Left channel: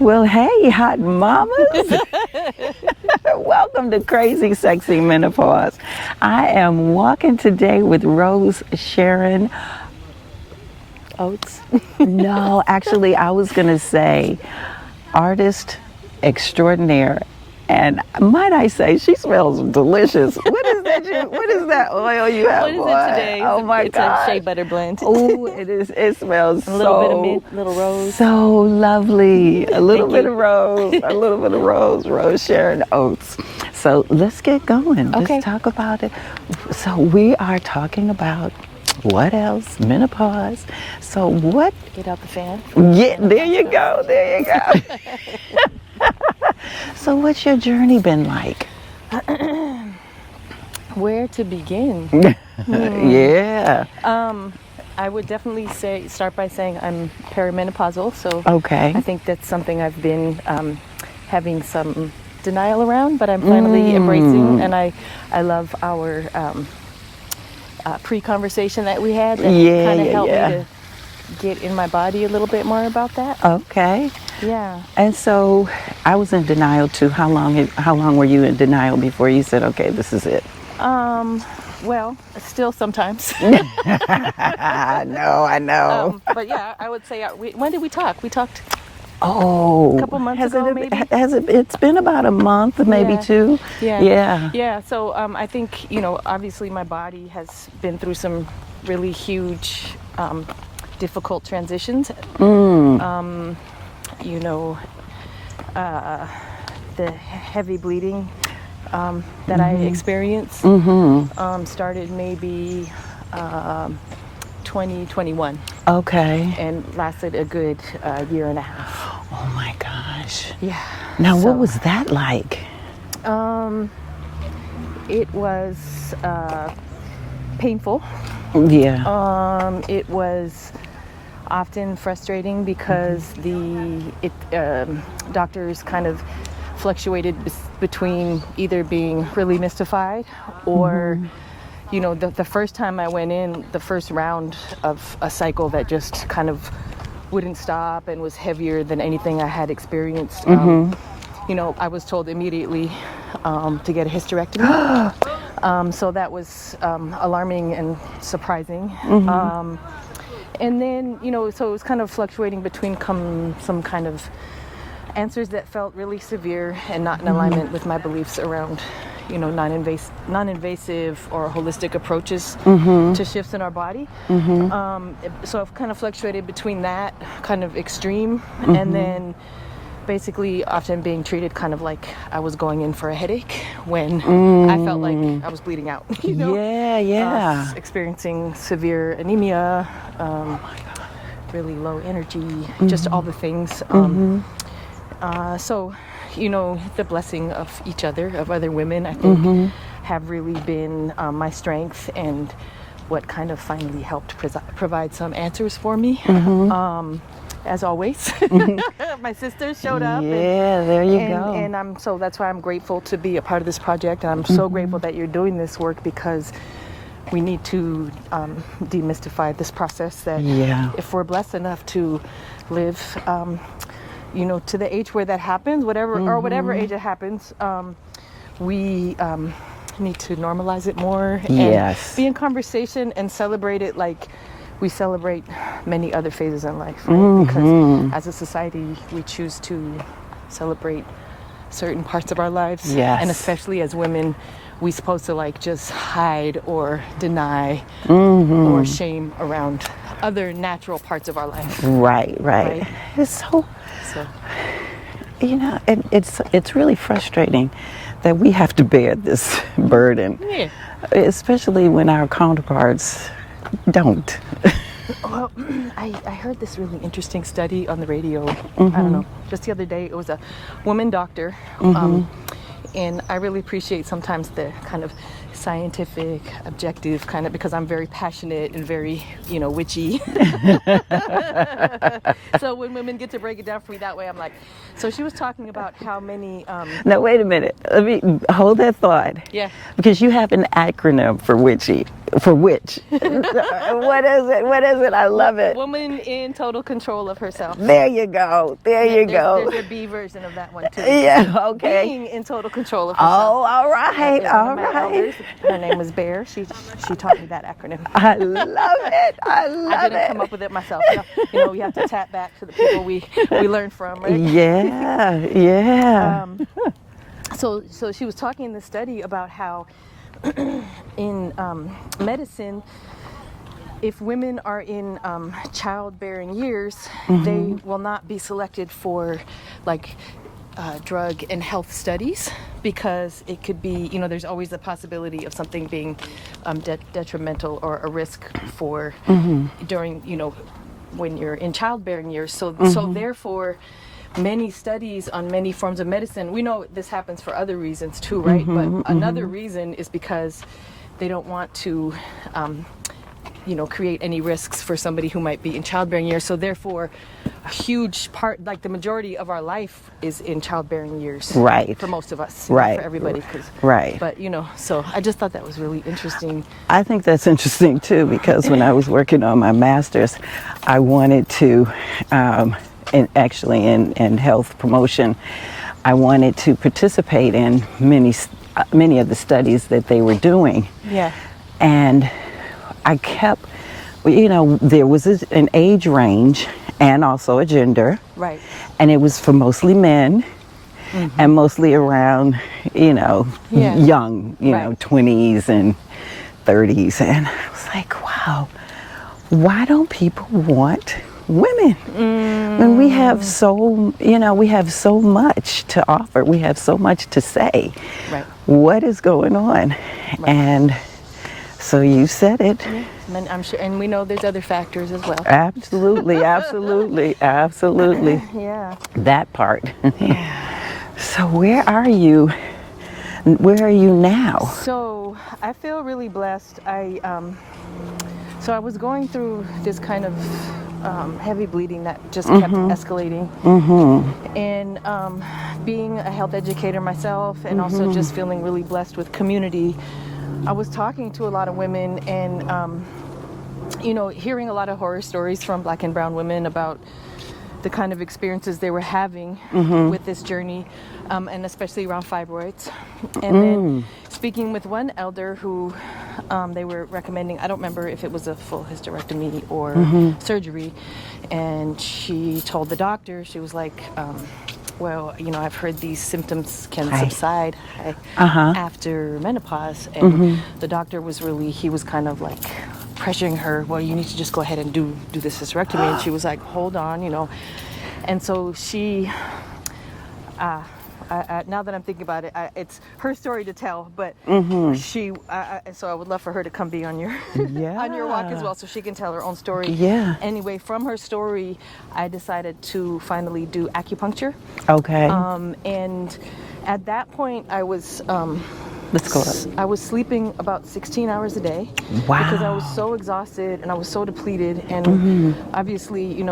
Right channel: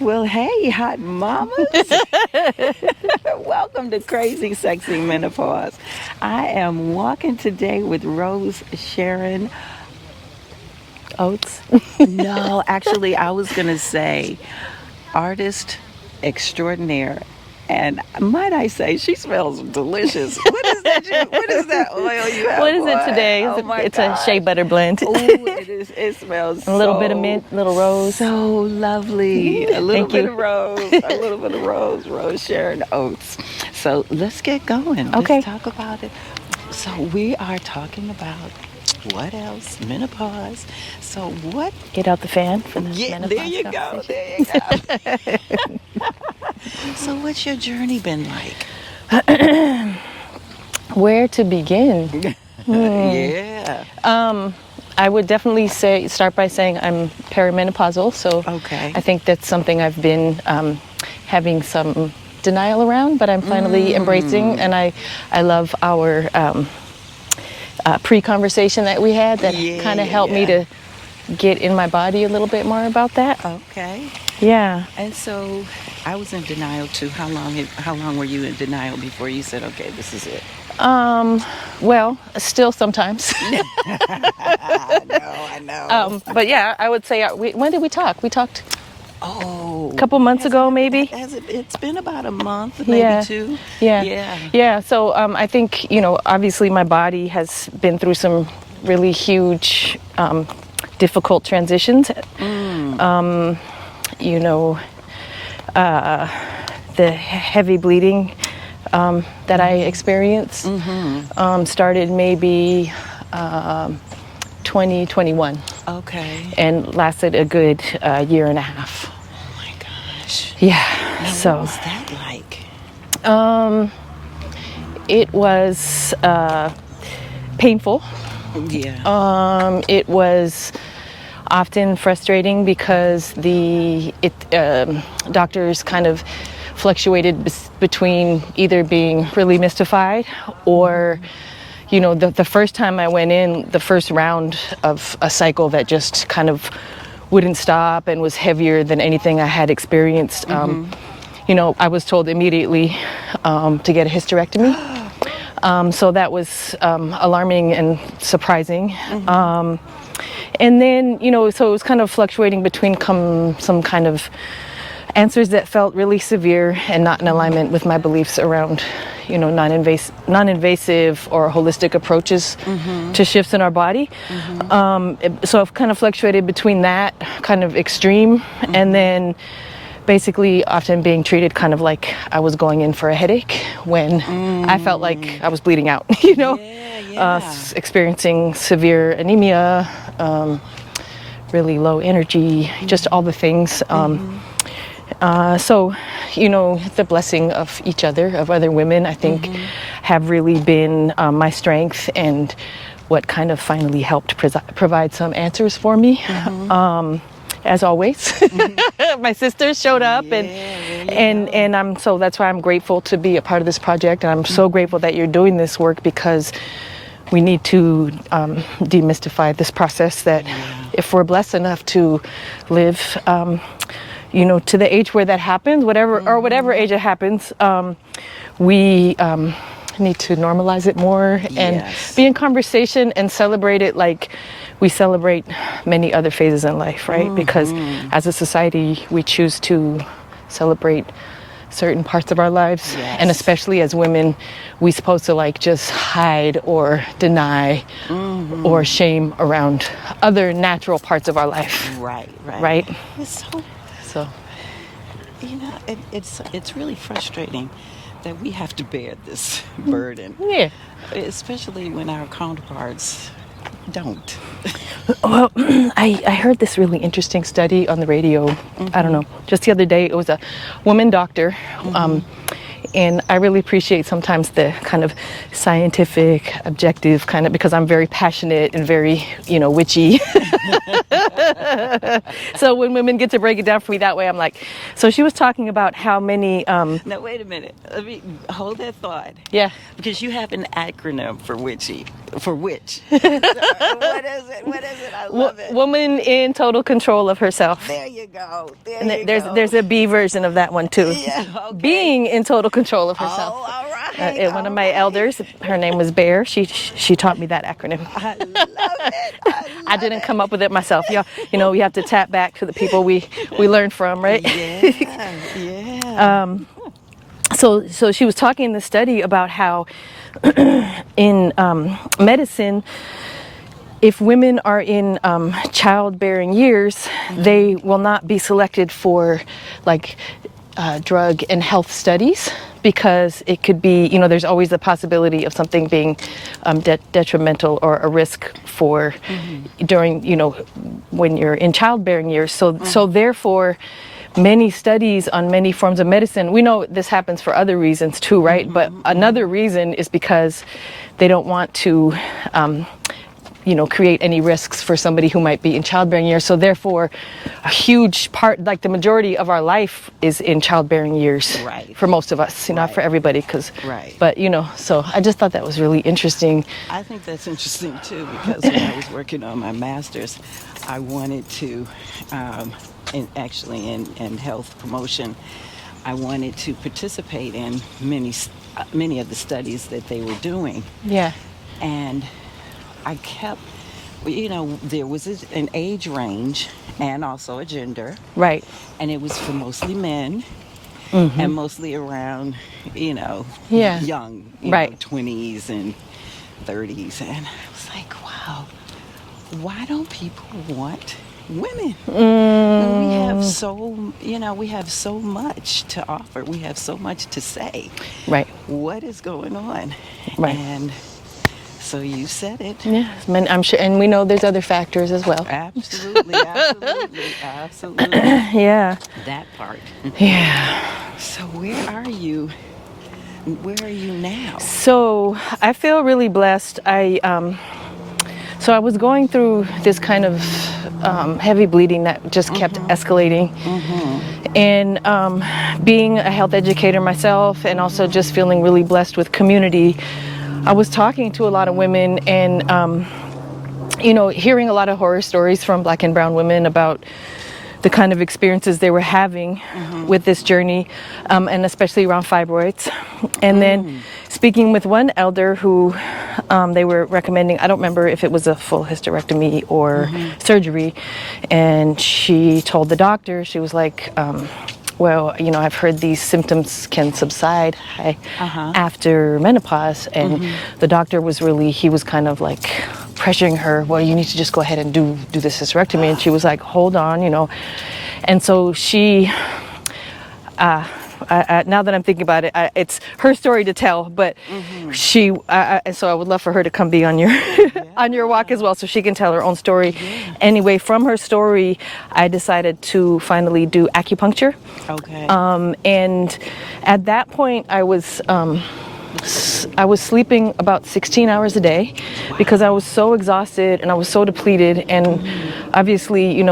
Well, hey, hot mamas. Welcome to Crazy Sexy Menopause. I am walking today with Rosesharon Oates. No, actually, I was going to say artist extraordinaire. And might I say, she smells delicious. What is that oil you have? What is it today? Oh my It's God. a shea butter blend. Ooh, it is. It smells A little bit of mint, a little rose. So lovely. A little Thank bit you. of rose. A little bit of rose. Rosesharon Oates. So let's get going. Okay. Let's talk about it. So we are talking about what else? Menopause. So what? Get out the fan. Yeah, there you go. There you go. So what's your journey been like? Where to begin? Yeah. I would definitely start by saying I'm perimenopausal. So Okay. I think that's something I've been having some denial around, but I'm finally embracing. And I love our pre-conversation that we had that kind of helped me to get in my body a little bit more about that. Okay. Yeah. And so I was in denial too. How long were you in denial before you said, okay, this is it? Well, still sometimes. I know. But yeah, I would say, when did we talk? We talked a couple months ago, maybe? It's been about a month, maybe two. Yeah. So I think, obviously my body has been through some really huge, difficult transitions. The heavy bleeding that I experienced started maybe 2021. Okay. And lasted a good year and a half. Oh my gosh. Yeah. Now, what was that like? It was painful. Yeah. It was often frustrating because the doctors kind of fluctuated between either being really mystified or the first time I went in, the first round of a cycle that just kind of wouldn't stop and was heavier than anything I had experienced. I was told immediately to get a hysterectomy. So that was alarming and surprising. And then, so it was kind of fluctuating between some kind of answers that felt really severe and not in alignment with my beliefs around, non-invasive or holistic approaches to shifts in our body. So I've kind of fluctuated between that kind of extreme and then basically often being treated kind of like I was going in for a headache when I felt like I was bleeding out, experiencing severe anemia, really low energy, just all the things. So, the blessing of each other, of other women, I think have really been my strength and what kind of finally helped provide some answers for me. As always, my sisters showed up and so that's why I'm grateful to be a part of this project. And I'm so grateful that you're doing this work because we need to demystify this process that if we're blessed enough to live to the age where that happens, whatever age it happens, we need to normalize it more and be in conversation and celebrate it like we celebrate many other phases in life, right? Because as a society, we choose to celebrate certain parts of our lives. And especially as women, we're supposed to just hide or deny or shame around other natural parts of our life. Right. It's so it's really frustrating that we have to bear this burden. Yeah. Especially when our counterparts don't. Well, I heard this really interesting study on the radio. I don't know, just the other day. It was a woman doctor And I really appreciate sometimes the kind of scientific, objective kind of, because I'm very passionate and very, witchy. So when women get to break it down for me that way, I'm like, so she was talking about how many... Now, wait a minute. Let me hold that thought. Yeah. Because you have an acronym for witchy. For which? What is it? What is it? I love it. Woman in total control of herself. There you go. There's a B version of that one too. Yeah, okay. Being in total control of herself. Oh, all right. One of my elders, her name was Bear. She taught me that acronym. I love it. I didn't come up with it myself. We have to tap back to the people we learned from, right? Yeah, yeah. So she was talking in the study about how in medicine, if women are in childbearing years, they will not be selected for drug and health studies, because it could be, there's always the possibility of something being detrimental or a risk for during, when you're in childbearing years. So therefore, many studies on many forms of medicine, we know this happens for other reasons too, right? But another reason is because they don't want to create any risks for somebody who might be in childbearing years. So therefore, a huge part, like the majority of our life, is in childbearing years. Right. For most of us, Right. not for everybody. Right. But, so I just thought that was really interesting. I think that's interesting too, because when I was working on my master's, I wanted to, in health promotion, I wanted to participate in many of the studies that they were doing. Yeah. And I kept, there was an age range and also a gender. Right. And it was for mostly men and mostly around, young, Right. 20s and 30s. And I was like, wow, why don't people want women? And we have we have so much to offer. We have so much to say. Right. What is going on? Right. And so you said it. Yeah, I'm sure, and we know there's other factors as well. Absolutely, absolutely, absolutely. Yeah. That part. Yeah. So where are you? Where are you now? So I feel really blessed. So I was going through this kind of heavy bleeding that just kept escalating. And being a health educator myself, and also just feeling really blessed with community, I was talking to a lot of women and, hearing a lot of horror stories from Black and brown women about the kind of experiences they were having with this journey, and especially around fibroids. And then speaking with one elder who they were recommending, I don't remember if it was a full hysterectomy or surgery, and she told the doctor, she was like, well, I've heard these symptoms can subside after menopause. And the doctor was he was kind of like pressuring her, well, you need to just go ahead and do this hysterectomy. And she was like, hold on, And so she, now that I'm thinking about it, it's her story to tell, but she, so I would love for her to come be on your on your walk as well, so she can tell her own story. Yeah. Anyway, from her story, I decided to finally do acupuncture. Okay. And at that point, I was sleeping about 16 hours a day because I was so exhausted and I was so depleted. And obviously,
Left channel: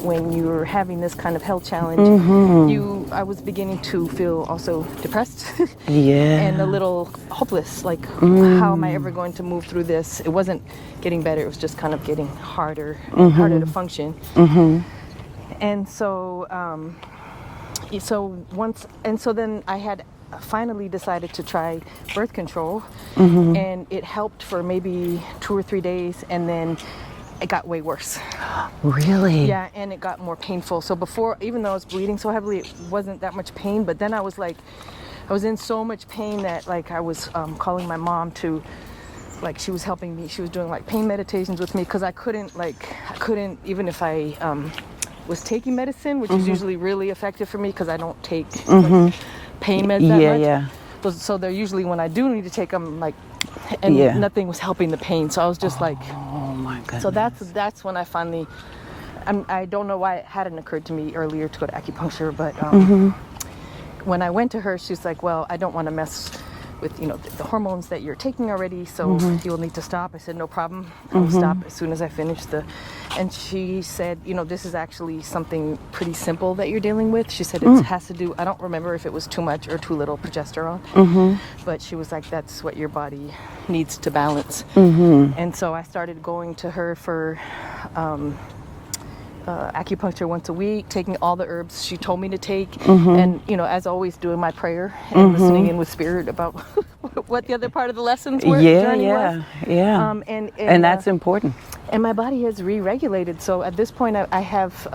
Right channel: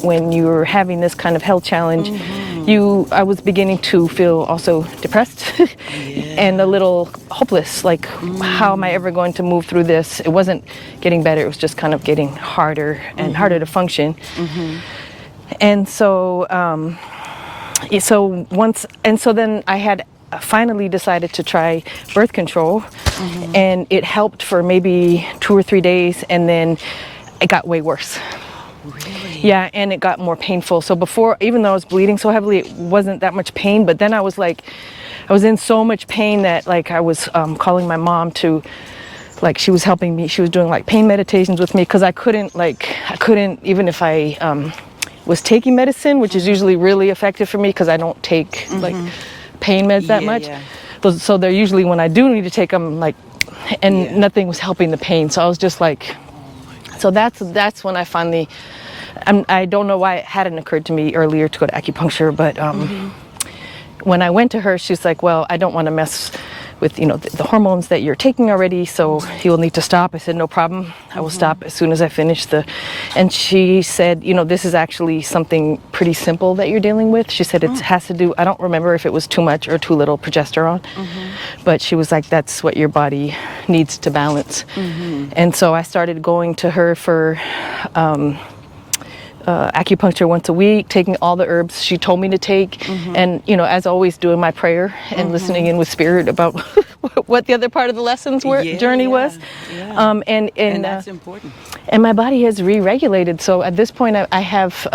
when you're having this kind of health challenge, I was beginning to feel also depressed and a little hopeless. Like, how am I ever going to move through this? It wasn't getting better. It was just kind of getting harder and harder to function. And so, so then I had finally decided to try birth control, and it helped for maybe 2 or 3 days, and then it got way worse. Really? Yeah, and it got more painful. So before, even though I was bleeding so heavily, it wasn't that much pain, but then I was in so much pain that I was calling my mom to, she was helping me. She was doing pain meditations with me, because I couldn't, even if I was taking medicine, which is usually really effective for me because I don't take pain meds that much. Yeah. So they're usually, when I do need to take them, nothing was helping the pain. So I was just so that's when I finally, I don't know why it hadn't occurred to me earlier to go to acupuncture, but when I went to her, she's like, well, I don't want to mess with, the hormones that you're taking already, so you will need to stop. I said, no problem. I will stop as soon as I finish and she said, this is actually something pretty simple that you're dealing with. She said it has to do, I don't remember if it was too much or too little progesterone, but she was like, that's what your body needs to balance. And so I started going to her for acupuncture once a week, taking all the herbs she told me to take, and as always, doing my prayer and listening in with spirit about what the other part of the lessons journey was. And that's important. And my body has re-regulated. So at this point, I have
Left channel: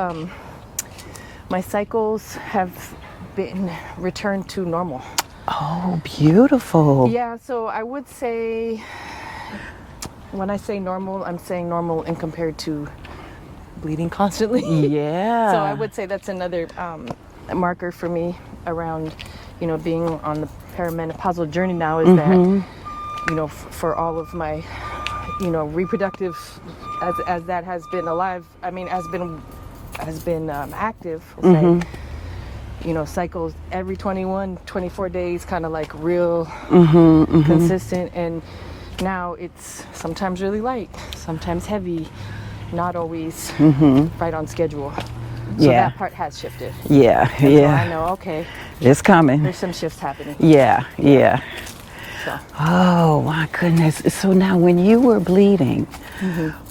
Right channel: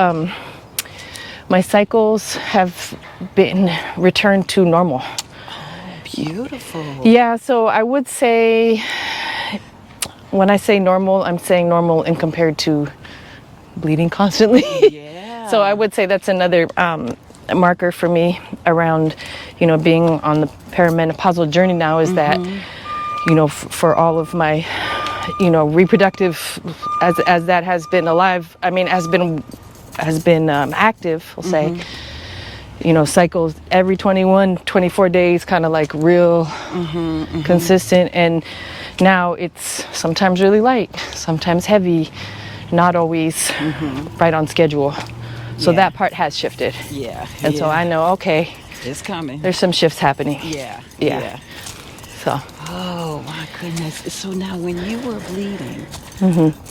my cycles have been returned to normal. Oh, beautiful. Yeah. So I would say, when I say normal, I'm saying normal in compared to bleeding constantly. Yeah. So I would say that's another marker for me around, being on the perimenopausal journey now is that, for all of my, reproductive, as that has been alive, has been active, I'll say, cycles every 21, 24 days, kind of like real consistent. And now it's sometimes really light, sometimes heavy, not always right on schedule. So that part has shifted. Yeah. And so I know, okay, it's coming. there's some shifts happening. Yeah. So. Oh my goodness. So now when you were bleeding,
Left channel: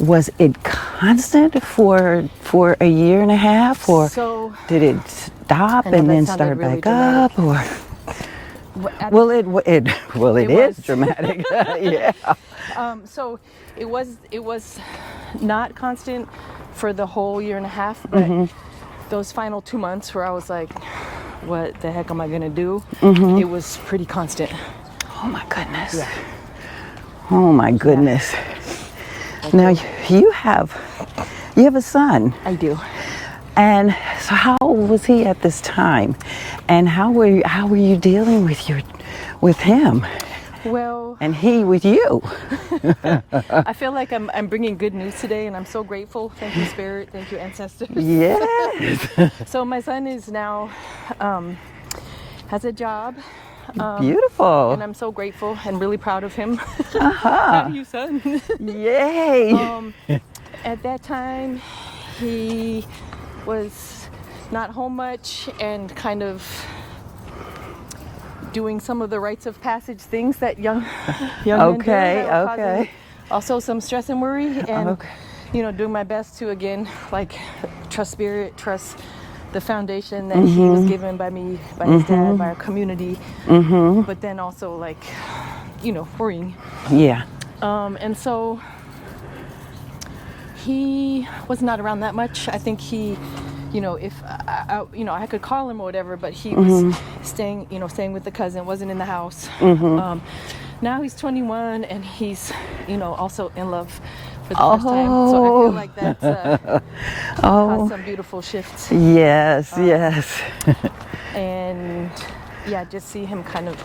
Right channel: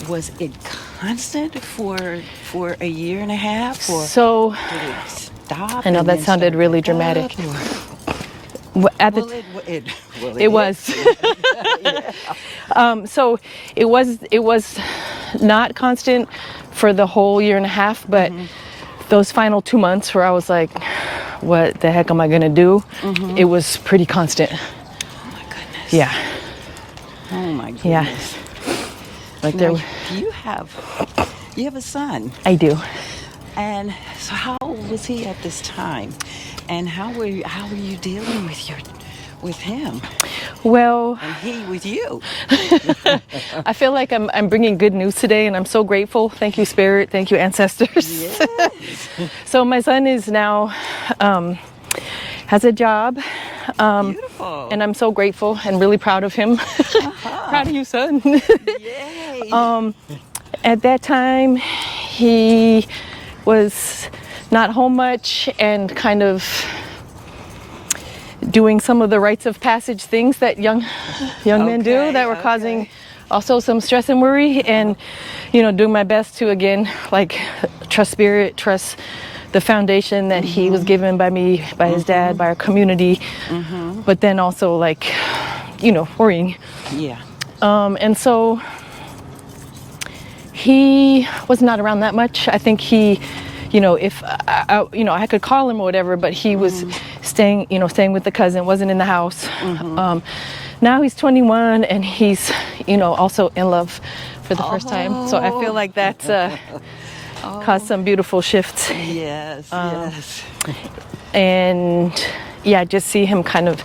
was it constant for a year and a half, or So did it stop? I know and that then sounded start really back dramatic. up, or? It was is dramatic. Yeah. So it was not constant for the whole year and a half, but those final 2 months where I was like, what the heck am I gonna do? It was pretty constant. Oh my goodness. Yeah. Oh my goodness. Like Now there- you have a son. I do. And so how old was he at this time? And how were you dealing with him? Well, And he with you? I feel like I'm bringing good news today, and I'm so grateful. Thank you, Spirit. Thank you, ancestors. Yes. So my son is now has a job. Beautiful. And I'm so grateful and really proud of him. Proud of you, son. Yay. At that time, he was not home much and kind of doing some of the rites of passage things that young men do that were causing also some stress and worry, and doing my best to again trust spirit, trust the foundation that he was given by me, by his dad, by our community, but then also worrying. Yeah. And so he was not around that much. I think he, if I could call him or whatever, but he was staying with the cousin, wasn't in the house. Now he's 21 and he's, also in love for the first time. So I feel like that's caused some beautiful shifts. Yes, yes. And yeah, just see him kind of,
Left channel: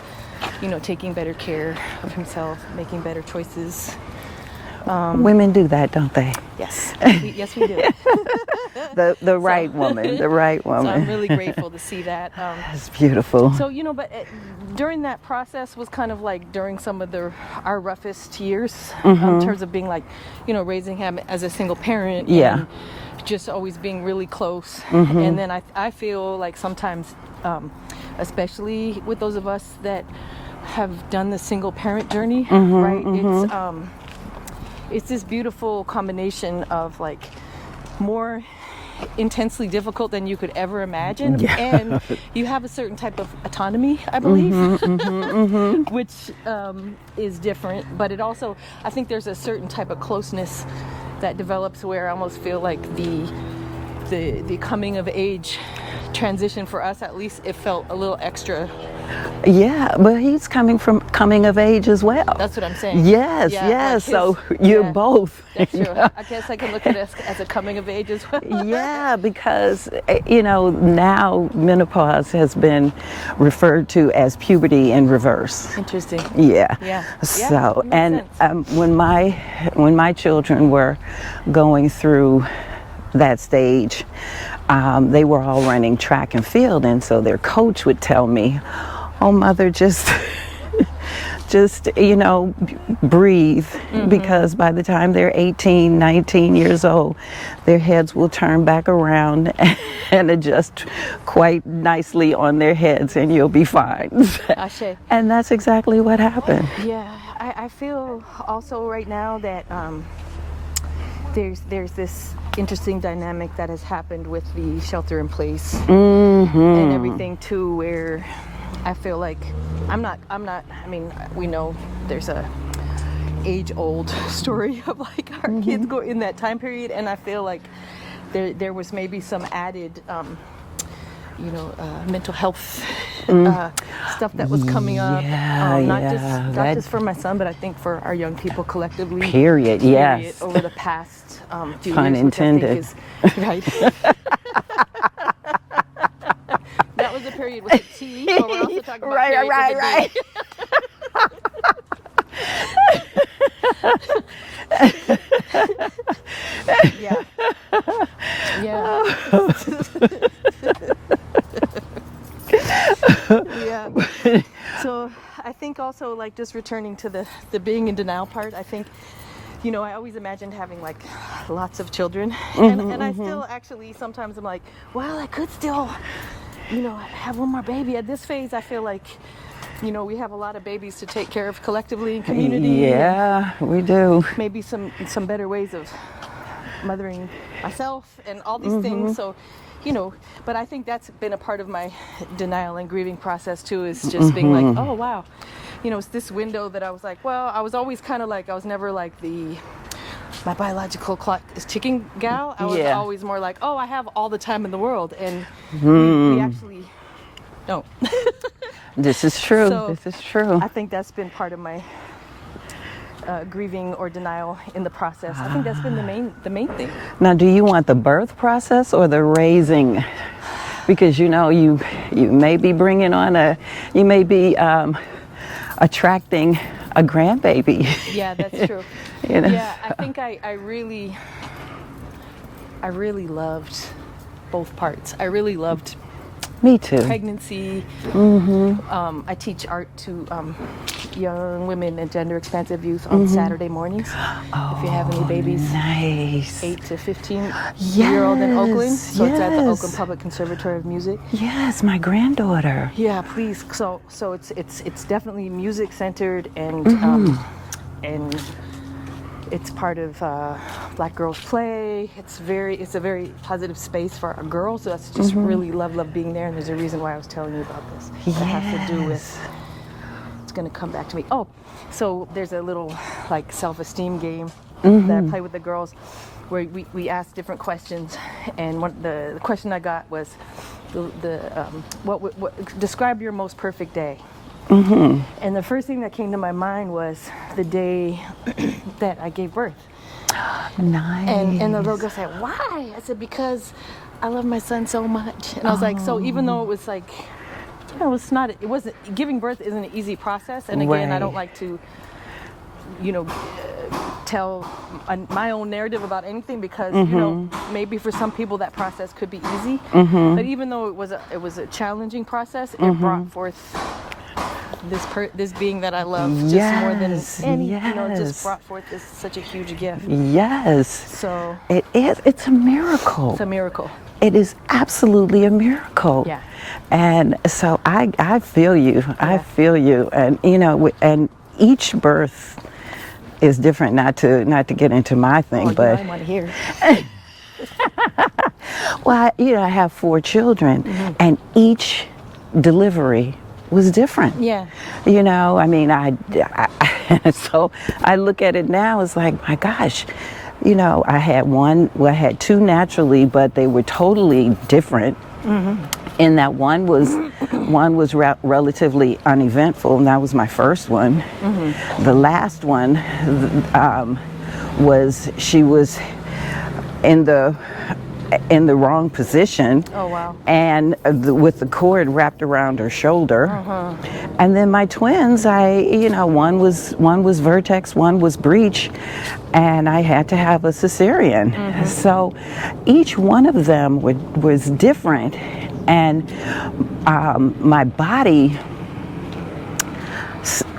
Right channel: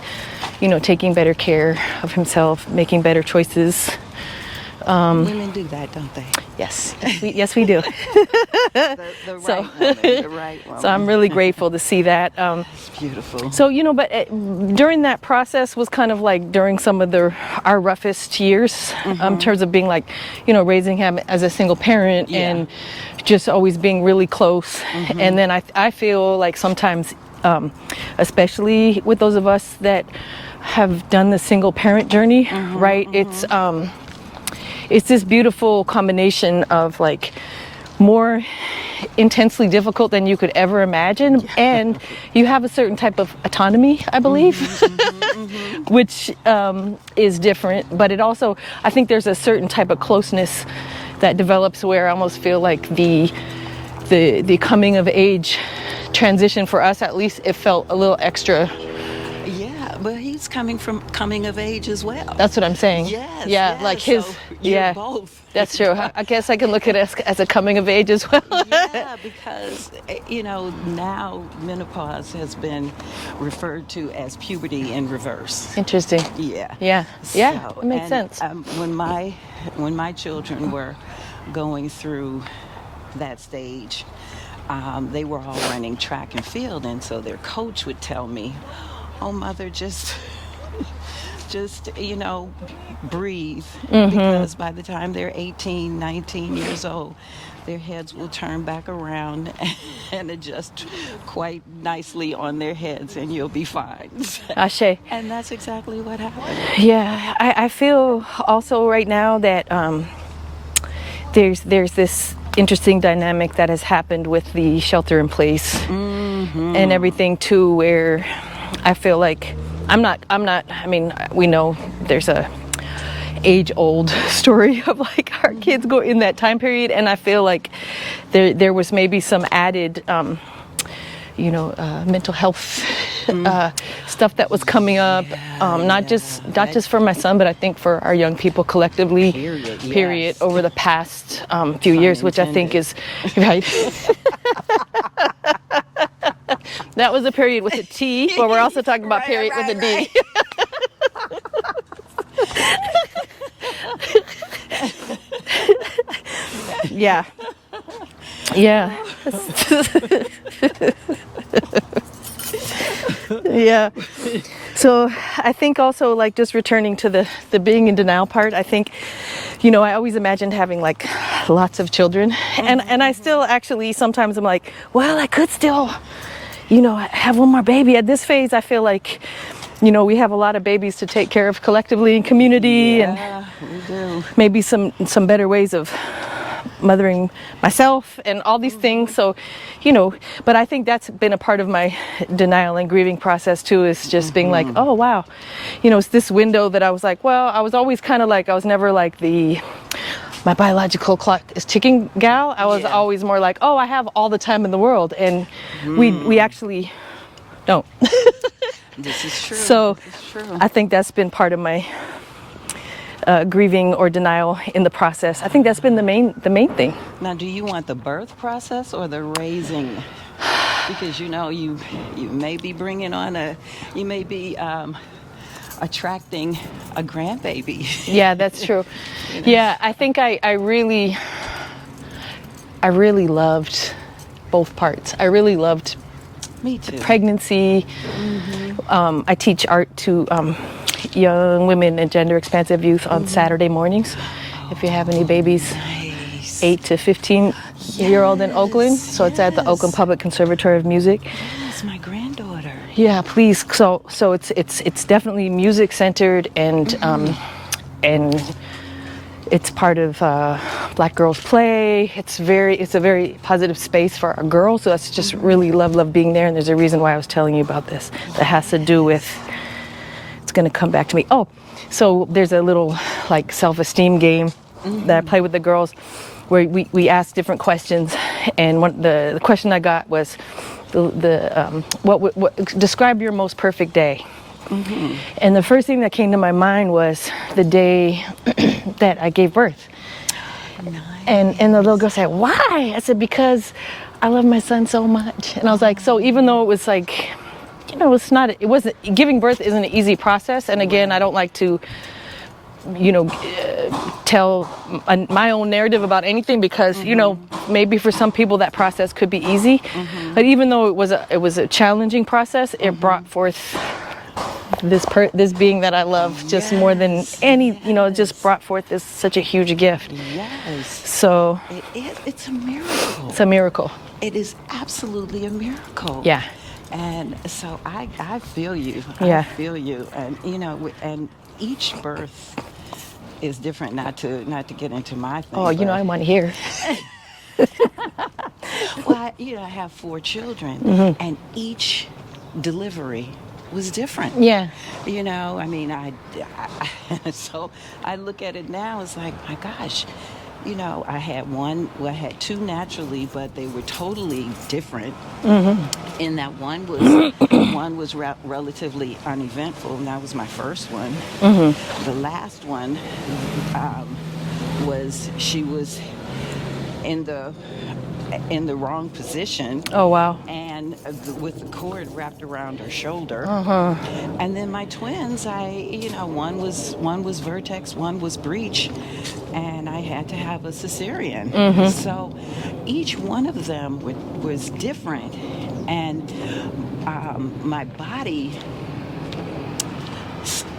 taking better care of himself, making better choices. Women do that, don't they? Yes, yes, we do. The right woman, the right woman. So I'm really grateful to see that. It's beautiful. So, but during that process was kind of like during some of our roughest years in terms of being raising him as a single parent and just always being really close. And then I feel like sometimes, especially with those of us that have done the single parent journey, right? It's this beautiful combination of more intensely difficult than you could ever imagine, and you have a certain type of autonomy, I believe, which is different. But it also, I think there's a certain type of closeness that develops where I almost feel like the coming of age transition for us, at least, it felt a little extra. Yeah, but he's coming of age as well. That's what I'm saying. Yes, yes. So you're both. That's true. I guess I can look at it as a coming of age as well. Yeah, because, now menopause has been referred to as puberty in reverse. Interesting. Yeah. Yeah. So, it makes sense. When my children were going through that stage, they were all running track and field, and so their coach would tell me, "Oh, mother, just breathe, because by the time they're 18, 19 years old, their heads will turn back around and adjust quite nicely on their heads, and you'll be fine." Ashe. And that's exactly what happened. Yeah, I feel also right now that there's this interesting dynamic that has happened with the shelter in place and everything too, where I feel like I'm not, I mean, we know there's a age-old story of like our kids go in that time period, and I feel like there was maybe some added mental health stuff that was coming up, not just for my son, but I think for our young people collectively. Period. Yes. Over the past few years, which I think is right. That was a period with a T, but we're also talking about period with a D. Yeah. Yeah. So I think also, like, just returning to the being in denial part, I think, I always imagined having like lots of children, and I still actually sometimes I'm like, well, I could still, have one more baby. At this phase, I feel like, we have a lot of babies to take care of collectively in community. Yeah, we do. Maybe some better ways of mothering myself and all these things. So, but I think that's been a part of my denial and grieving process too, is just being like, oh, wow. It's this window that I was like, well, I was always kind of like, I was never like my biological clock is ticking gal. I was always more like, oh, I have all the time in the world. And we actually don't. This is true. So this is true. I think that's been part of my grieving or denial in the process. I think that's been the main thing. Now, do you want the birth process or the raising? Because you may be bringing on you may be attracting a grandbaby. Yeah, that's true. Yeah, I think I really loved both parts. I really loved Me too. pregnancy. I teach art to young women and gender expansive youth on Saturday mornings. If you have any babies, Nice. 8 to 15-year-old in Oakland. So it's at the Oakland Public Conservatory of Music. Yes, my granddaughter. Yeah, please. So it's definitely music centered, and it's part of Black Girls Play. It's a very positive space for our girls. So that's just really love being there. And there's a reason why I was telling you about this. That has to do with, it's going to come back to me. Oh, so there's a little like self-esteem game that I play with the girls, where we ask different questions. And the question I got was, describe your most perfect day. And the first thing that came to my mind was the day that I gave birth. Nice. And the little girl said, why? I said, because I love my son so much. And I was like, so even though it was like, giving birth isn't an easy process. And again, I don't like to, tell my own narrative about anything, because, maybe for some people that process could be easy. But even though it was a challenging process, it brought forth this being that I love just more than any, just brought forth such a huge gift. Yes. So it's a miracle. It's a miracle. It is absolutely a miracle. Yeah. And so I feel you. Yeah. I feel you. And and each birth is different. Not to get into my thing. Oh, but I want to hear. Well, I have 4 children, and each delivery was different. Yeah. So I look at it now, it's like, my gosh, I had 2 naturally, but they were totally different. And that one was relatively uneventful, and that was my first one. The last one she was in the in the wrong position. Oh, wow. And with the cord wrapped around her shoulder. And then my twins, one was vertex, one was breech, and I had to have a cesarean. So each one of them was different, and my body,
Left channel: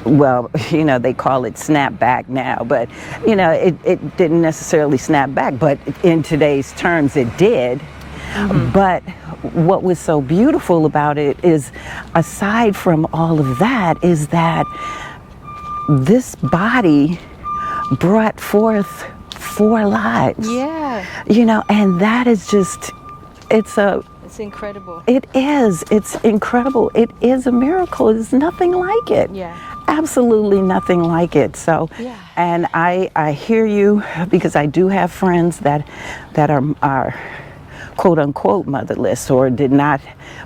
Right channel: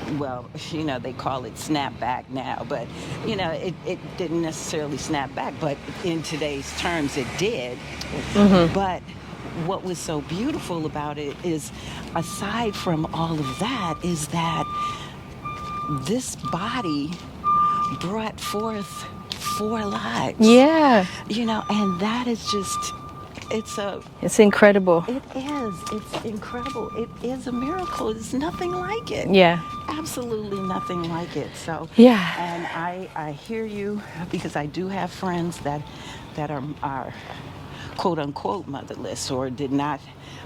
well, they call it snap back now, but it didn't necessarily snap back, but in today's terms it did. But what was so beautiful about it is, aside from all of that, is that this body brought forth 4 lives. Yeah. And that is just, it's incredible. It is. It's incredible. It is a miracle. There's nothing like it. Yeah. Absolutely nothing like it. So, yeah. And I hear you, because I do have friends that are quote unquote motherless, or did not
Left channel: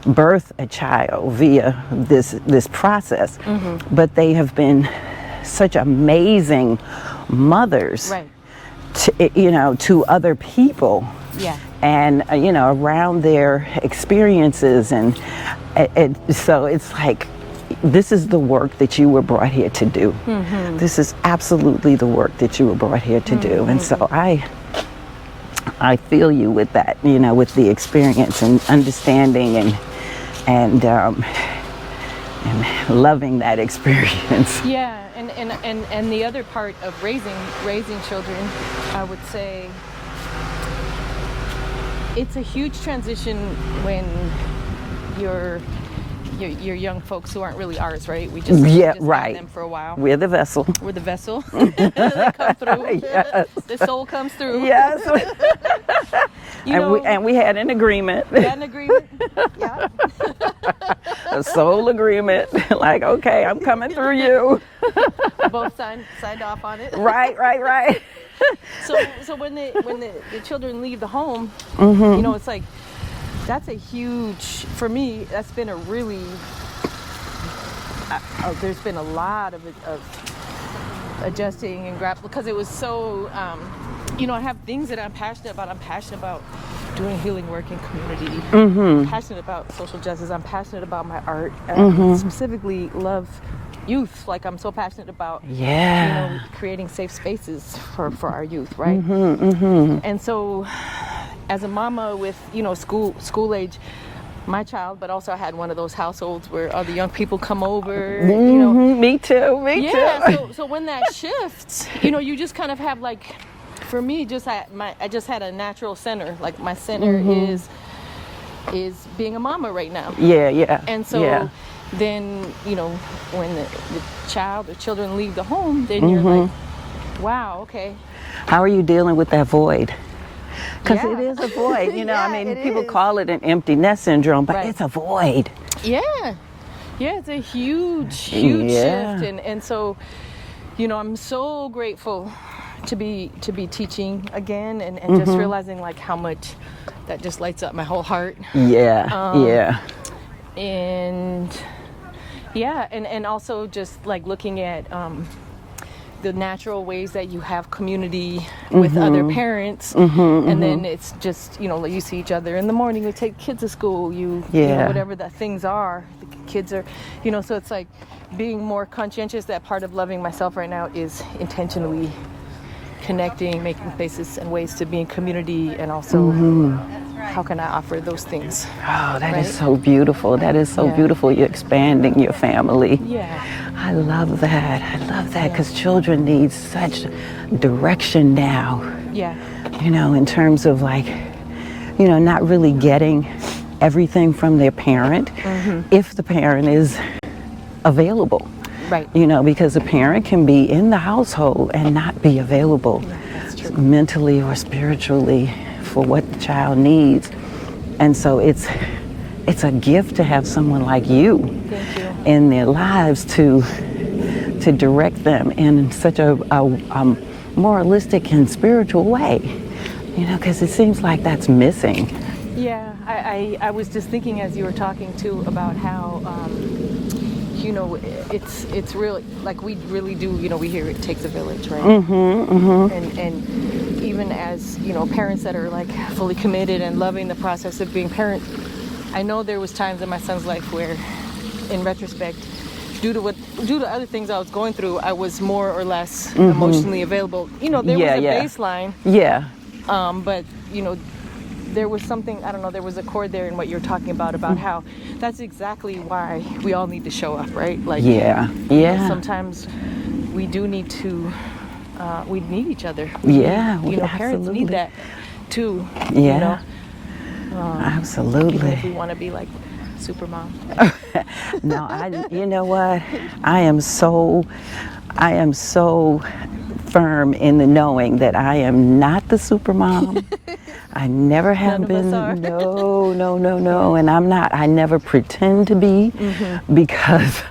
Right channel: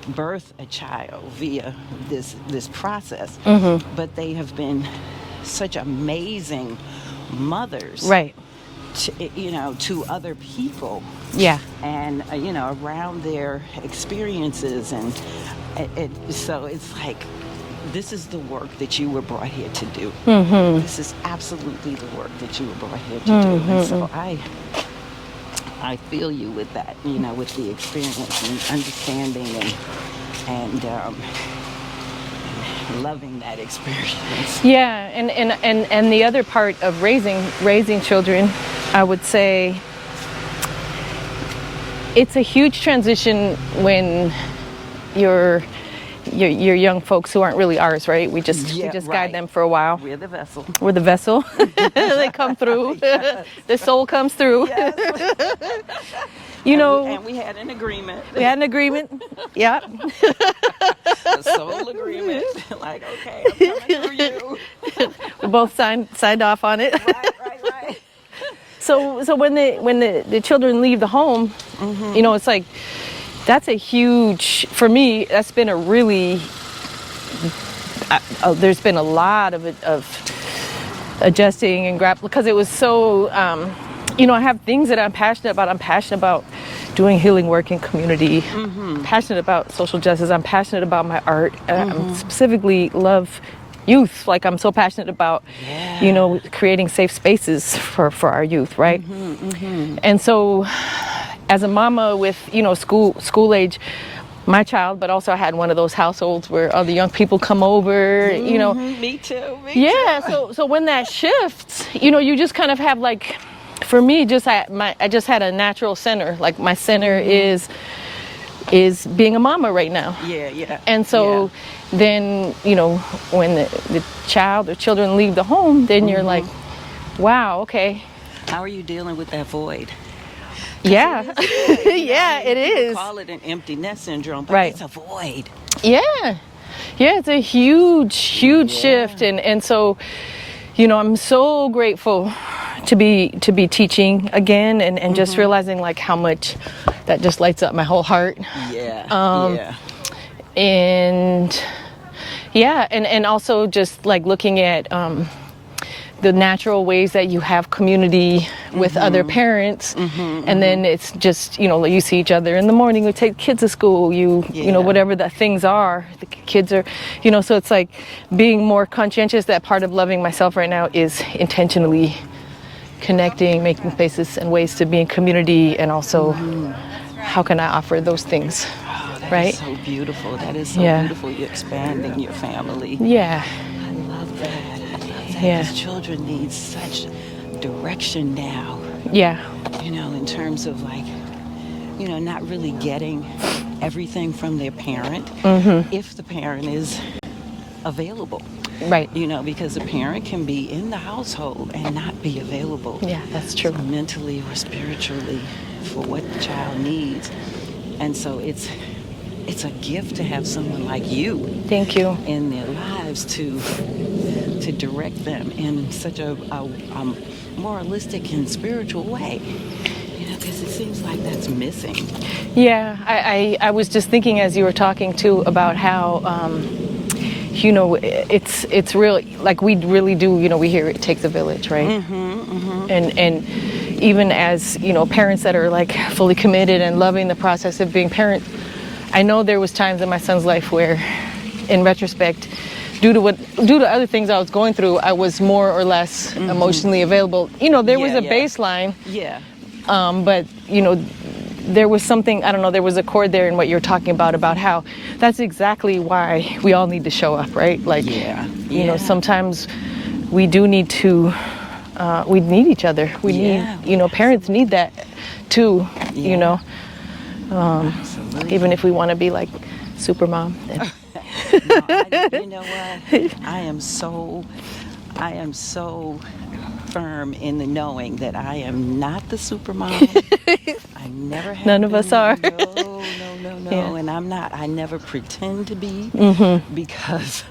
birth a child via this process. But they have been such amazing mothers. Right. To other people. Yeah. And around their experiences, and so it's like, this is the work that you were brought here to do. This is absolutely the work that you were brought here to do. And so I feel you with that, with the experience and understanding and loving that experience. Yeah, and the other part of raising children, I would say, it's a huge transition when you're young folks who aren't really ours, right? We just guide them for a while. We're the vessel. We're the vessel. They come through. Yes. The soul comes through. Yes. And we had an agreement. We had an agreement. Yeah. A soul agreement. Like, okay, I'm coming through you. We both signed off on it. Right. So when the children leave the home, it's like, that's a huge, for me, that's been a really, there's been a lot of adjusting and grappling, because it was so, I have things that I'm passionate about. I'm passionate about doing healing work in community. I'm passionate about social justice. I'm passionate about my art. I specifically love youth. Like, I'm so passionate about, creating safe spaces for our youth, right? And so, as a mama with, school age, my child, but also I had one of those households where all the young people come over, Me too. Yeah, so when that shifts, you just kind of have, like, for me, I just had a natural center. Like, my center is being a mama right now. Yeah. And so then, when the children leave the home, then you're like, wow, okay. How are you dealing with that void? Yeah. It is a void. It is. People call it an empty nest syndrome, but it's a void. Yeah, it's a huge shift, and so, I'm so grateful to be teaching again, and just realizing, like, how much that just lights up my whole heart. And also just, like, looking at the natural ways that you have community with other parents, and then it's just, you see each other in the morning, we take kids to school, whatever the things are, the kids are, so it's like being more conscientious. That part of loving myself right now is intentionally connecting, making spaces and ways to be in community, and also how can I offer those things? Oh, that is so beautiful. That is so beautiful. You're expanding your family. Yeah. I love that. Because children need such direction now. Yeah. In terms of, like, not really getting everything from their parent, if the parent is available. Right. Because a parent can be in the household and not be available. Yeah, that's true. Mentally or spiritually for what the child needs. And so it's a gift to have someone like you. Thank you. In their lives to direct them in such a moralistic and spiritual way. Because it seems like that's missing. Yeah, I was just thinking as you were talking too about how it's real, like, we really do, we hear it takes a village, right? And even as, you know, parents that are like fully committed and loving the process of being parents, I know there was times in my son's life where, in retrospect, due to other things I was going through, I was more or less emotionally available. You know, there was a baseline. Yeah. But, you know, there was something, I don't know, there was a chord there in what you're talking about how that's exactly why we all need to show up, right? Like, you know, sometimes we do need to, we need each other. We need, you know, parents need that too, you know. Absolutely. Even if we want to be like super mom. No, you know what? I am so firm in the knowing that I am not the super mom. I never have None been. of us are. No. Yeah. And I'm not. I never pretend to be because,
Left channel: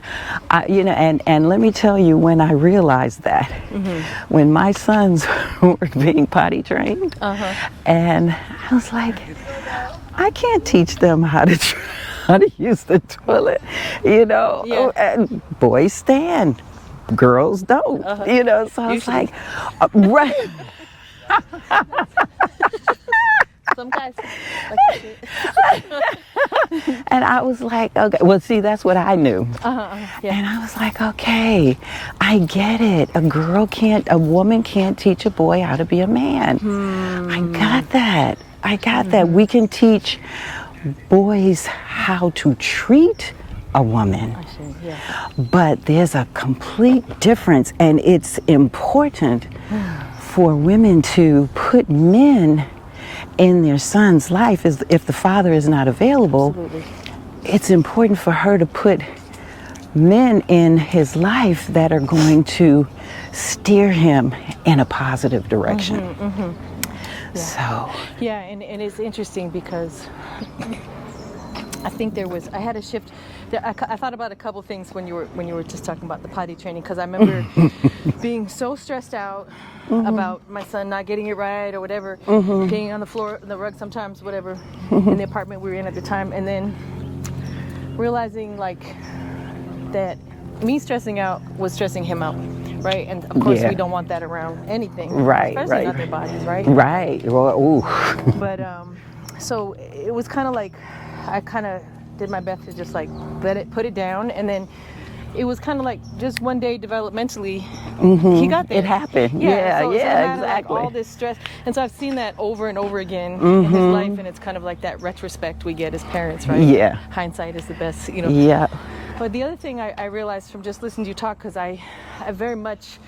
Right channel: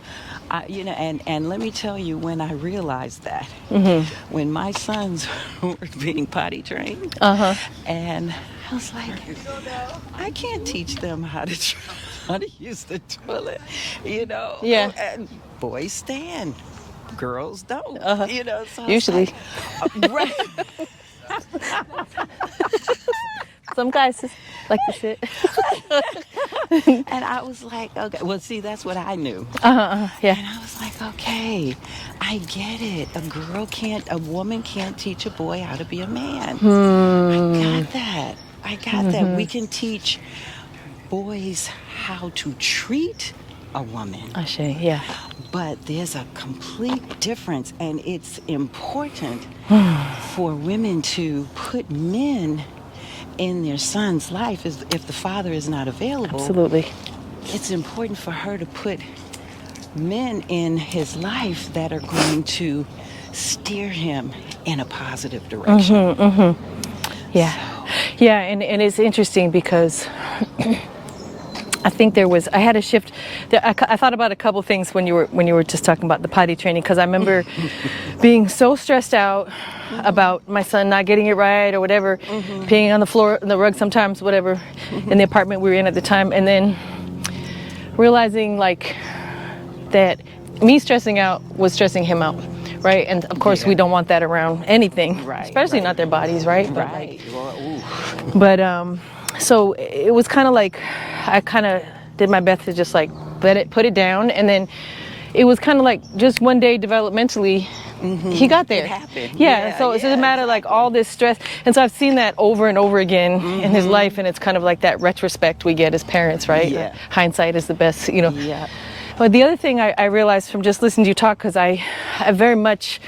you know, and let me tell you, when I realized that, when my sons were being potty trained, and I was like, I can't teach them how to use the toilet, you know. Yeah. And boys stand, girls don't, you know. So I was Usually. like, right. Some guys just like to sit. And I was like, okay. Well, see, that's what I knew. Yeah. And I was like, okay, I get it. A woman can't teach a boy how to be a man. I got that. We can teach boys how to treat a woman. I see, yeah. But there's a complete difference, and it's important for women to put men in their son's life if the father is not available. Absolutely. It's important for her to put men in his life that are going to steer him in a positive direction. Yeah. So. Yeah, and it's interesting because I think I had a shift. I thought about a couple things when you were just talking about the potty training, because I remember being so stressed out about my son not getting it right or whatever, peeing on the floor, the rug sometimes, whatever, in the apartment we were in at the time, and then realizing like that me stressing out was stressing him out. Right, and of course we don't want that around anything, right? Especially not their bodies, right? Right. Well, ooh. But so it was kind of like I kind of did my best to just like put it down, and then it was kind of like just one day developmentally he got there. It happened. Yeah. So it doesn't matter like all this stress, and so I've seen that over and over again in his life, and it's kind of like that retrospect we get as parents, right? Yeah. Hindsight is the best, you know. Yeah. But the other thing I realized from just listening to you talk, because I very much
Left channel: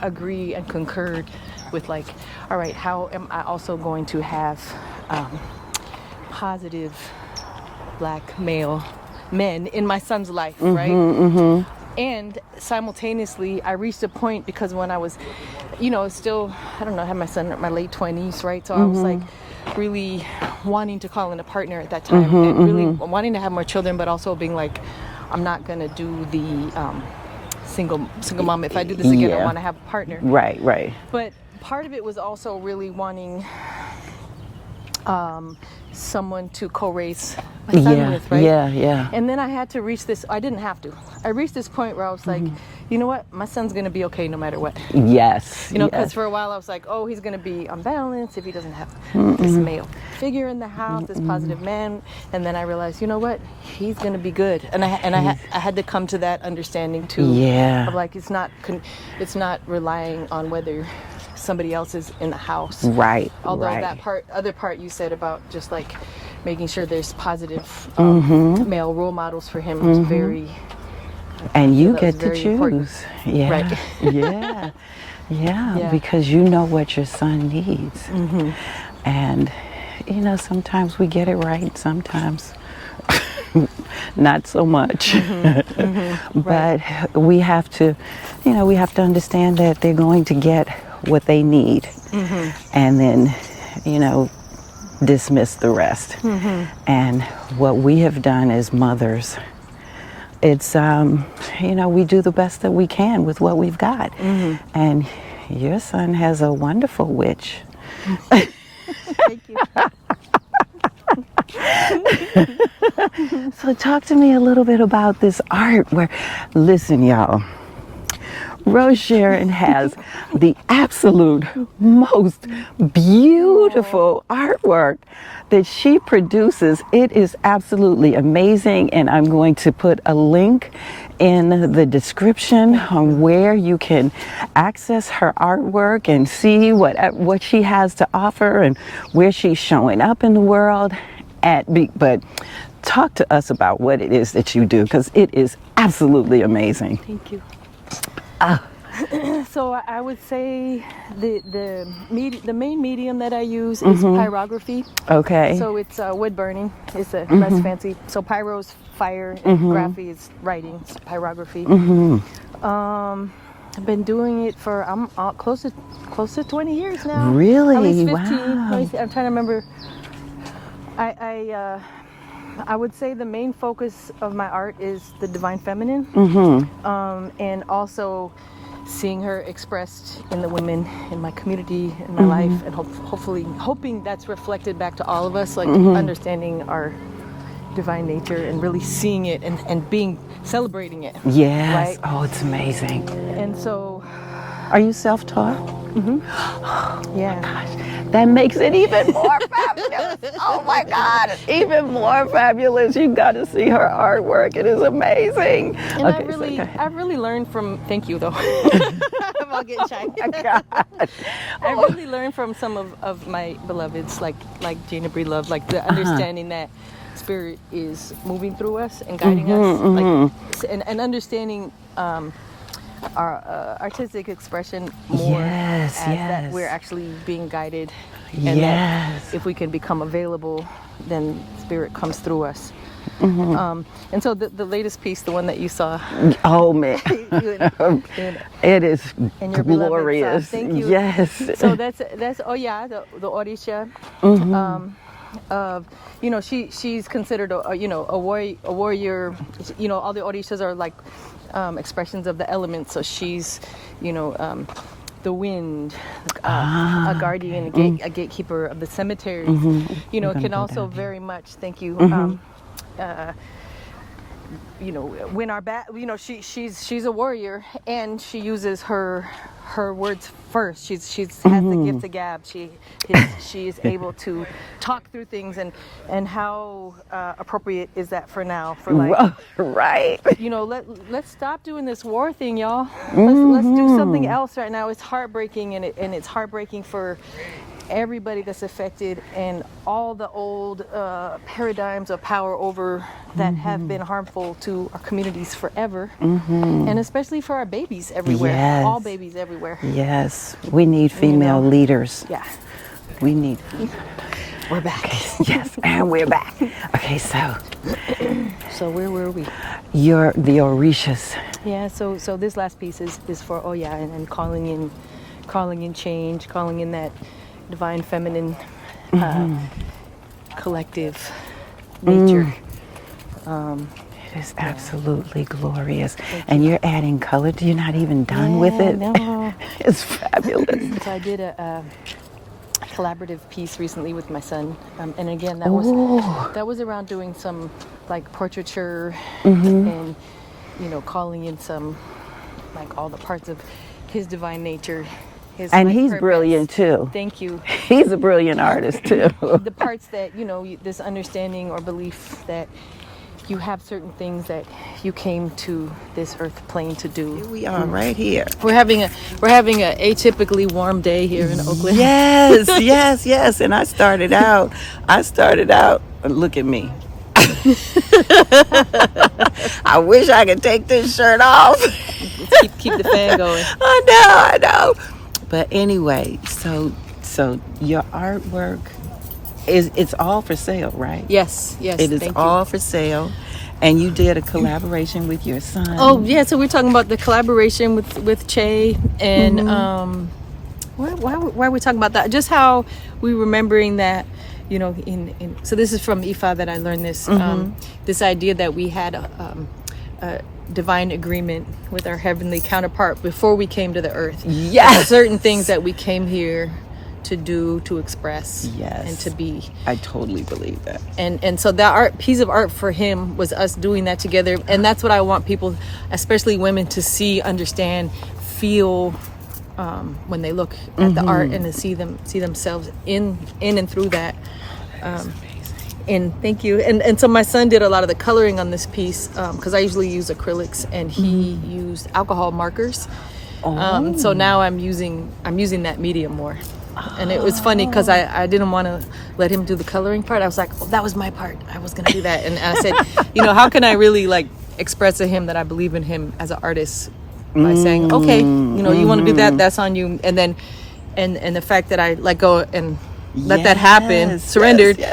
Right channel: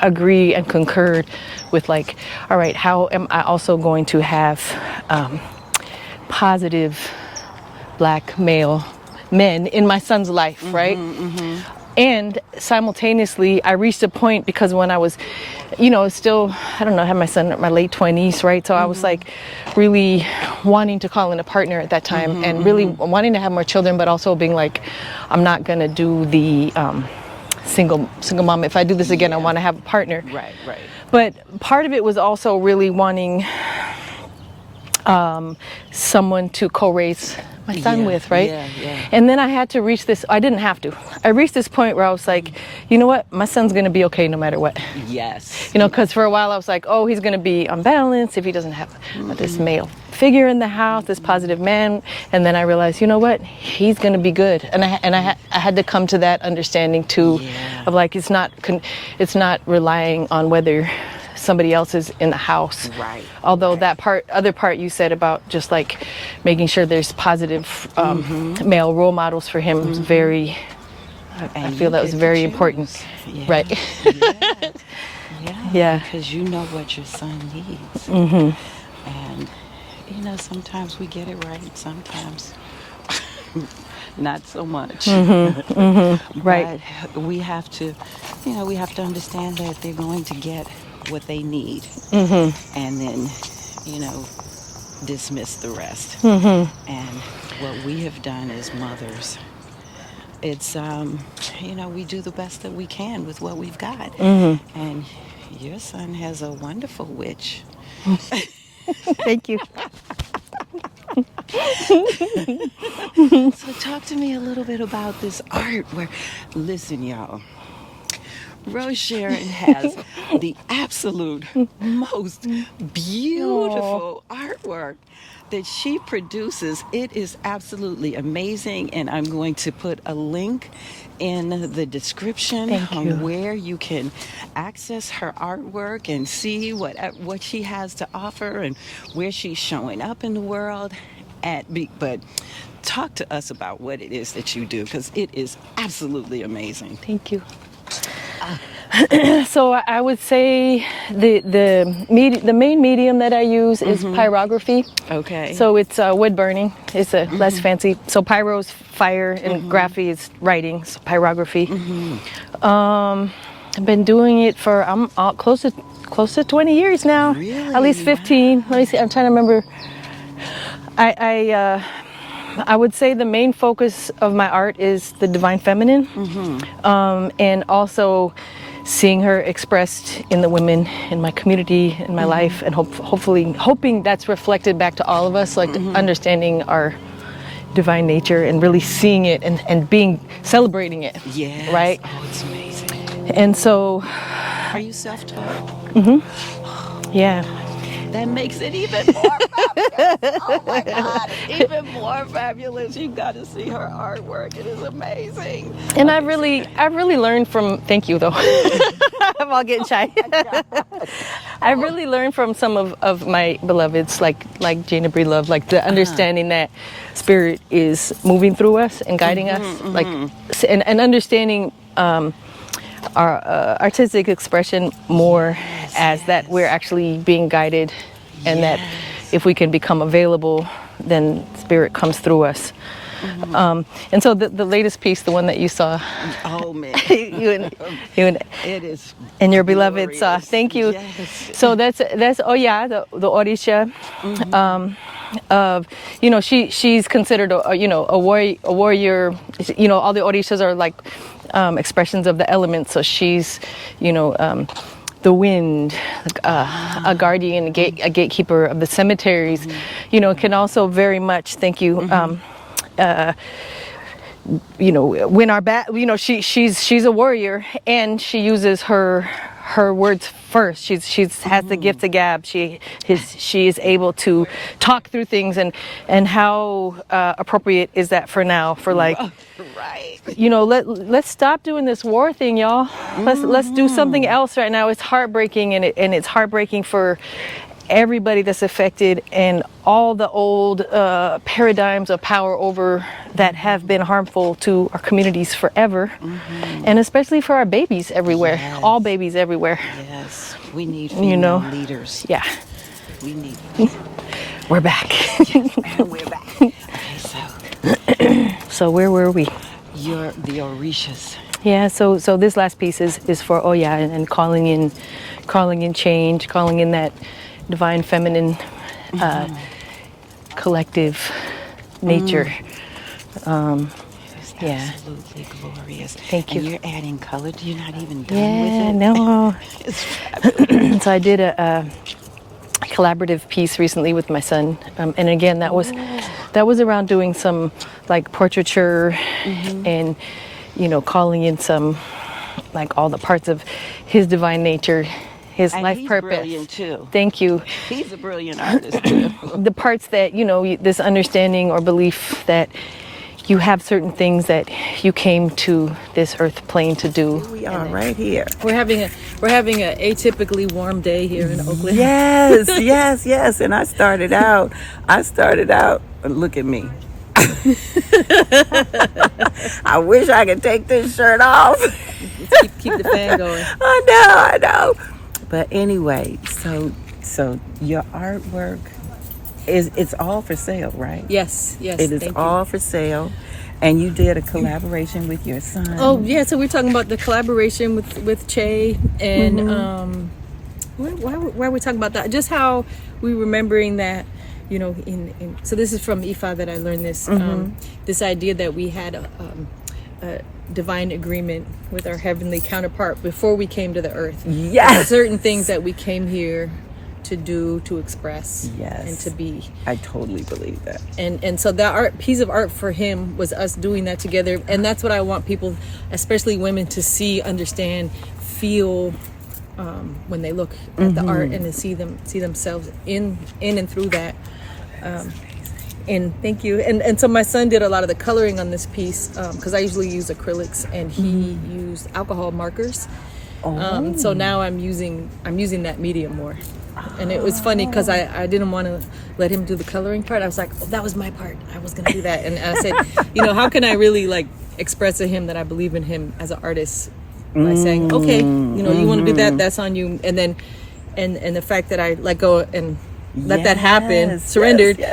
agree and concurred with like, all right, how am I also going to have positive black male men in my son's life, right? And simultaneously, I reached a point, because when I was, you know, still, I don't know, I had my son in my late 20s, right? So I was like really wanting to call in a partner at that time, and really wanting to have more children, but also being like, I'm not gonna do the single mom. If I do this again, I want to have a partner. Right. But part of it was also really wanting someone to co-raise my son with, right? Yeah. And then I had to reach this, I didn't have to. I reached this point where I was like, you know what? My son's going to be okay no matter what. Yes. You know, because for a while I was like, oh, he's going to be unbalanced if he doesn't have this male figure in the house, this positive man. And then I realized, you know what? He's going to be good. And I had to come to that understanding too. Yeah. Of like, it's not relying on whether somebody else is in the house. Right. Although that other part you said about just like making sure there's positive male role models for him was very, I feel that was very important. Yeah. Right. Yeah. Because you know what your son needs. And, you know, sometimes we get it right, sometimes not so much. Right. But we have to, you know, understand that they're going to get what they need, and then, you know, dismiss the rest. And what we have done as mothers, it's, you know, we do the best that we can with what we've got. And your son has a wonderful witch. Thank you. So talk to me a little bit about this art where, listen, y'all, Rosesharon has the absolute most beautiful artwork that she produces. It is absolutely amazing, and I'm going to put a link in the description on where you can access her artwork and see what she has to offer and where she's showing up in the world. But talk to us about what it is that you do, because it is absolutely amazing. Thank you. So I would say the main medium that I use is pyrography. Okay. So it's wood burning. It's less fancy. So pyro is fire and graphy is writing. So pyrography. I've been doing it for close to 20 years now. Really? At least 15. Wow. Let me see. I'm trying to remember. I would say the main focus of my art is the divine feminine, and also seeing her expressed in the women in my community, in my life, and hoping that's reflected back to all of us, like understanding our divine nature and really seeing it and celebrating it. Yes. Right? Oh, it's amazing. And so, are you self-taught? yeah. That makes it even more fabulous. Oh my God, even more fabulous. You got to see her artwork. It is amazing. And I really learned from, thank you though. I'm all getting shy. I really learned from some of my beloveds, like Jana Bree Love, like the understanding that spirit is moving through us and guiding us, like, and understanding our artistic expression more as that we're actually being guided, and that if we can become available, then spirit comes through us. And so the latest piece, the one that you saw, oh man, it is, and your beloved glorious. saw. Thank you. Yes. So that's the Odisha. Of she's considered a warrior. All the Odishas are like expressions of the elements. So she's the wind, a guardian, a gatekeeper of the cemeteries. Can also very much, thank you. When our she's a warrior, and she uses her words first. She has the gift of gab. She is able to talk through things, and how appropriate is that for now? For like, right? Let's stop doing this war thing, y'all. Let's do something else right now. It's heartbreaking, and it's heartbreaking for everybody that's affected, and all the old paradigms of power over that have been harmful to our communities forever, and especially for our babies everywhere, all babies everywhere. Yes, we need female leaders. Yeah, we need. We're back. Yes, and we're back. Okay, so where were we? You're the Orishas. Yeah, so this last piece is for Oya, and calling in change, calling in that divine feminine collective nature. It is absolutely glorious. Thank you. And you're adding color. You're not even done with it. No. It's fabulous. So I did a collaborative piece recently with my son, and again that was around doing some like portraiture, and calling in some like all the parts of his divine nature. His and life he's purpose. Brilliant too. Thank you. He's a brilliant artist too. The parts that this understanding or belief that you have certain things that you came to this earth plane to do. Here we are, right here. We're having a atypically warm day here in Oakland. Yes. And I started out. Look at me. I wish I could take this shirt off. Keep the fan going. I know. But anyway, so your artwork it's all for sale, right? Yes. It is all for sale. And you did a collaboration with your son. Oh yeah, so we're talking about the collaboration with Che, and why are we talking about that? Just how we remembering that, so this is from Ifa that I learned this, this idea that we had a divine agreement with our heavenly counterpart before we came to the earth. Yes. Certain things that we came here to do, to express, and to be. I totally believe that. And so that piece of art for him was us doing that together, and that's what I want people, especially women, to see, understand, feel when they look at the art and to see themselves in and through that. And thank you. And so my son did a lot of the coloring on this piece because I usually use acrylics, and he used alcohol markers. So now I'm using that medium more. And it was funny because I didn't want to let him do the coloring part. I was like, oh, that was my part. I was going to do that. And I said, how can I really like express to him that I believe in him as an artist by saying, okay, you want to do that, that's on you. And then, and the fact that I let go and let that happen, surrendered,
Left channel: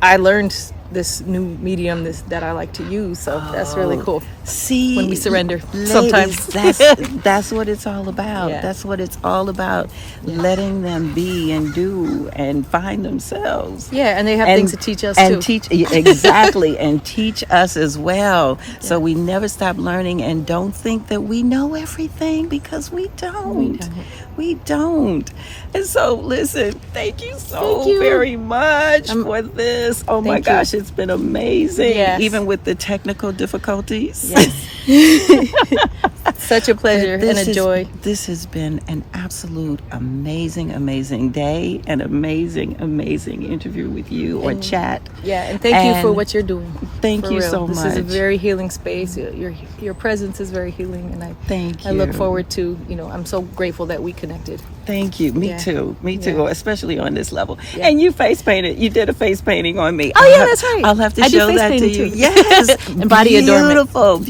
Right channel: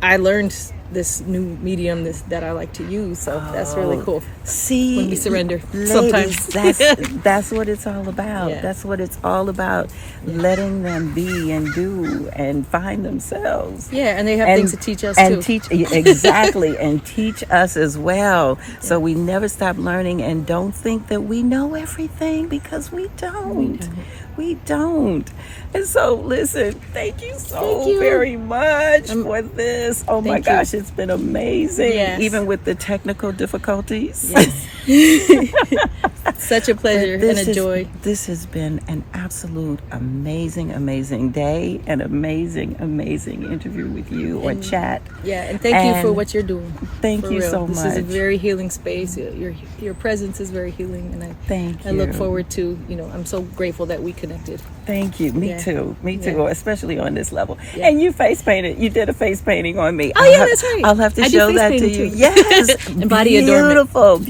I learned this new medium that I like to use. So that's really cool. See, when we surrender, ladies, sometimes that's what it's all about. Yeah. That's what it's all about. Letting them be and do and find themselves. Yeah, and they have things to teach us and too. Exactly, and teach us as well. So we never stop learning, and don't think that we know everything, because we don't. We don't. And so, listen, thank you so very much for this. Oh my gosh, it's been amazing. Yes. Even with the technical difficulties. Yes. Such a pleasure and a joy. This has been an absolute amazing day, an amazing interview with you, or chat. Yeah, and thank you for what you're doing. Thank you so much. This is a very healing space. Your presence is very healing, and I look forward to, I'm so grateful that we connected. Thank you. Me too, especially on this level. Yeah. And you did a face painting on me. Oh, that's right. I'll have to show that to you. Too. Yes. And body adornment.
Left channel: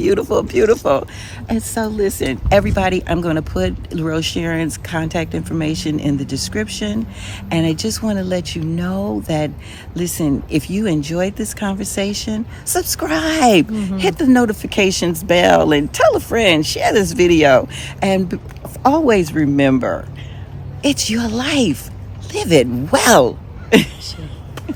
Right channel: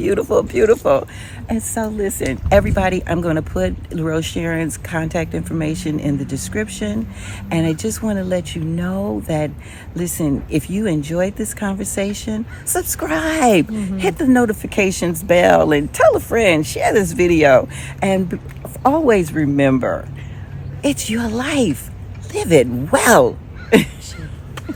Beautiful. And so listen, everybody, I'm going to put Rosesharon's contact information in the description. And I just want to let you know that, listen, if you enjoyed this conversation, subscribe, hit the notifications bell, and tell a friend, share this video. And always remember, it's your life. Live it well. Sure.